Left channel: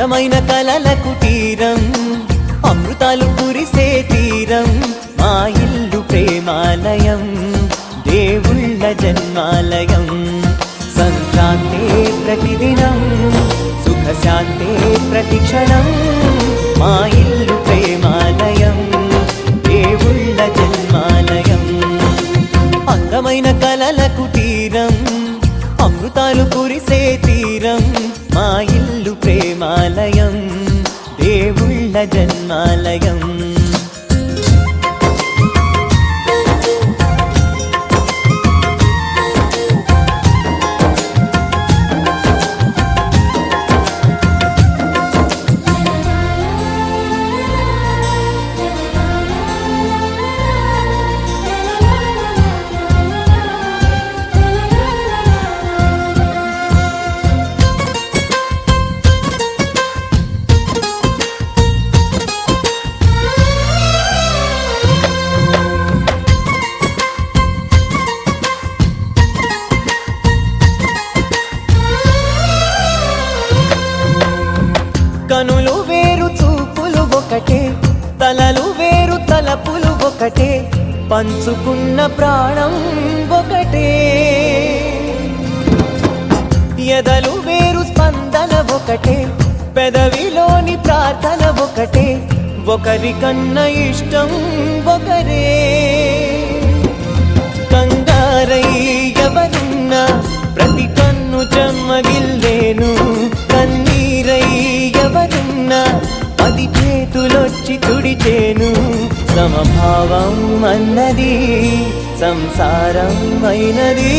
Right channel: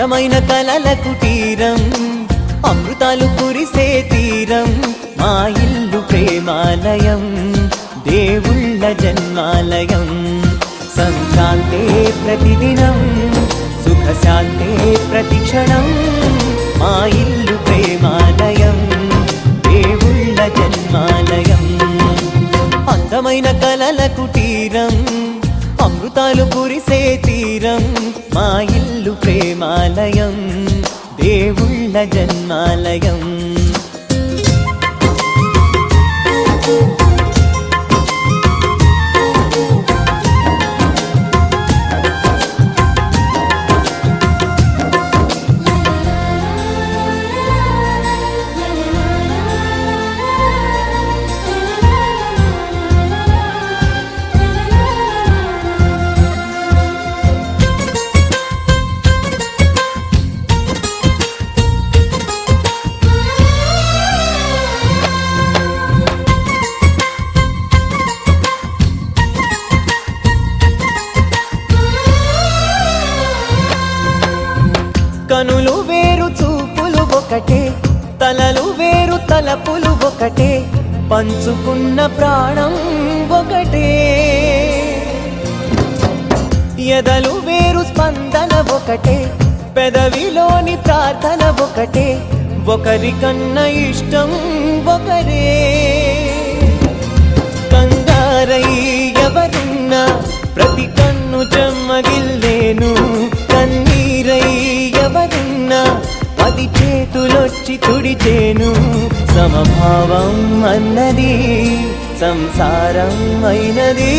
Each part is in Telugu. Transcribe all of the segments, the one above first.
అందమైన కలల కుటీరం, అమృతాలు కురిసే తీరం, మా ఇల్లు ప్రేమాలయం, దేవుళ్ళ జన్మాలయం. సంక్రాంతే ప్రతిదినం, సుఖశాంతే ప్రతిక్షణం, మా ఇల్లు ప్రేమాలయం, దేవుళ్ళ జన్మాలయం. అందమైన కలల కుటీరం, అమృతాలు కురిసే తీరం, మా ఇల్లు ప్రేమాలయం, దేవుళ్ళ జన్మాలయం. కనులు వేరు చూపులు ఒకటే, తలలు వేరు తలపులు ఒకటే, పంచుకున్న ప్రాణం ఒకటే. ఎదలు వేరు స్పందన ఒకటే, పెదవిలోని ప్రార్థన ఒకటే, ఒకరికన్నా ఇష్టం ఒకరే. కంగారై ఎవరున్నా ప్రతి కన్ను చెమ్మగిల్లేను, కన్నీరై ఎవరున్నా 10 చేతులొచ్చి తుడిచేను. సమభావం అన్నది సంసారం అయినది,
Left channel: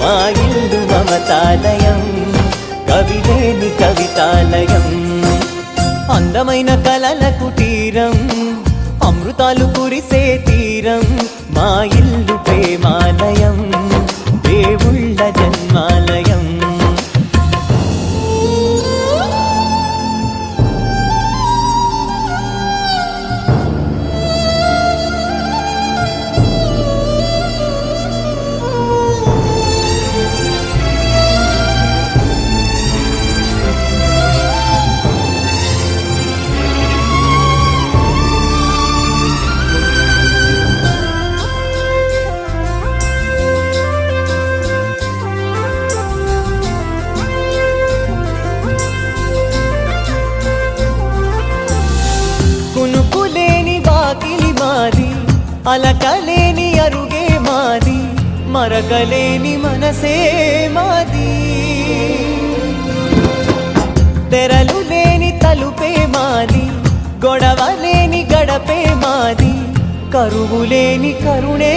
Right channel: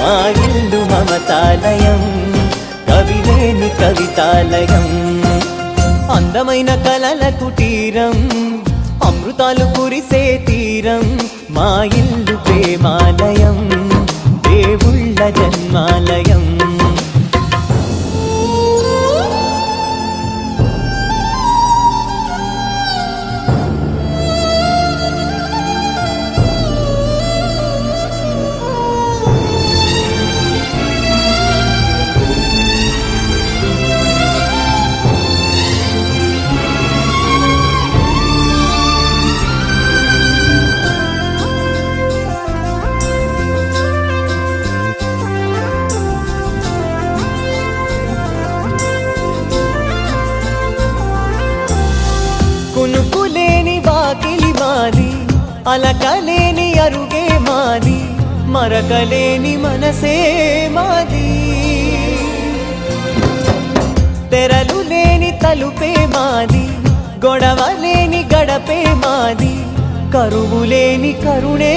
మా ఇల్లు మమతాలయం, కవిలేని కవితాలయం. అందమైన కలల కుటీరం, అమృతాలు కురిసే తీరం, మా ఇల్లు ప్రేమాలయం, దేవుళ్ళ జన్మాలయం. కునుకులేని వాకిలి మాది, అలకలేని అరుగే మాది, మరకలేని మనసే మాది. తెరలు లేని తలుపే మాది, గొడవలేని గడపే మాది, కరువులేని కరుణే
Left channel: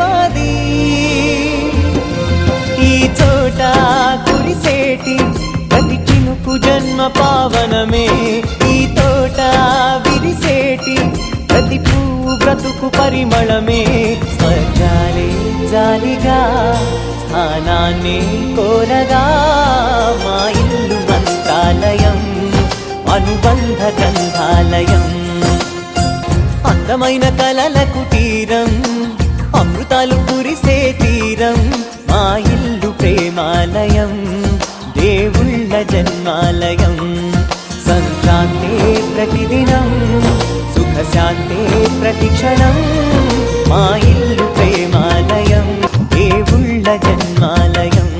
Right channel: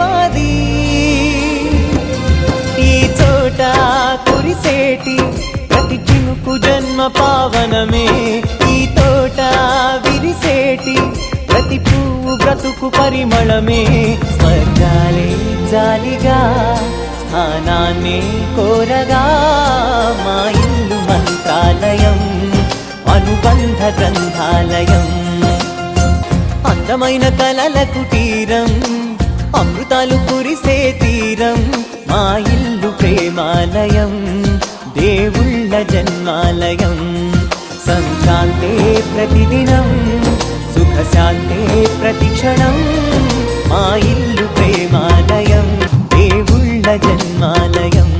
మాది. ఈ చోట కురిసేటి ప్రతి చినుకు జన్మ పావనమే, ఈ తోట విరిసేటి ప్రతి పువ్వు బ్రతుకు పరిమళమే. స్వర్గాలే జాలిగా స్థానాన్ని కోరగా, మా ఇల్లు మంత్రాలయం, అనుబంధ గ్రంథాలయం. అందమైన కలల కుటీరం, అమృతాలు కురిసే తీరం, మా ఇల్లు ప్రేమాలయం, దేవుళ్ళ జన్మాలయం. సంక్రాంతే ప్రతిదినం, సుఖశాంతే ప్రతిక్షణం, మా ఇల్లు ప్రేమాలయం, దేవుళ్ళ జన్మాలయం.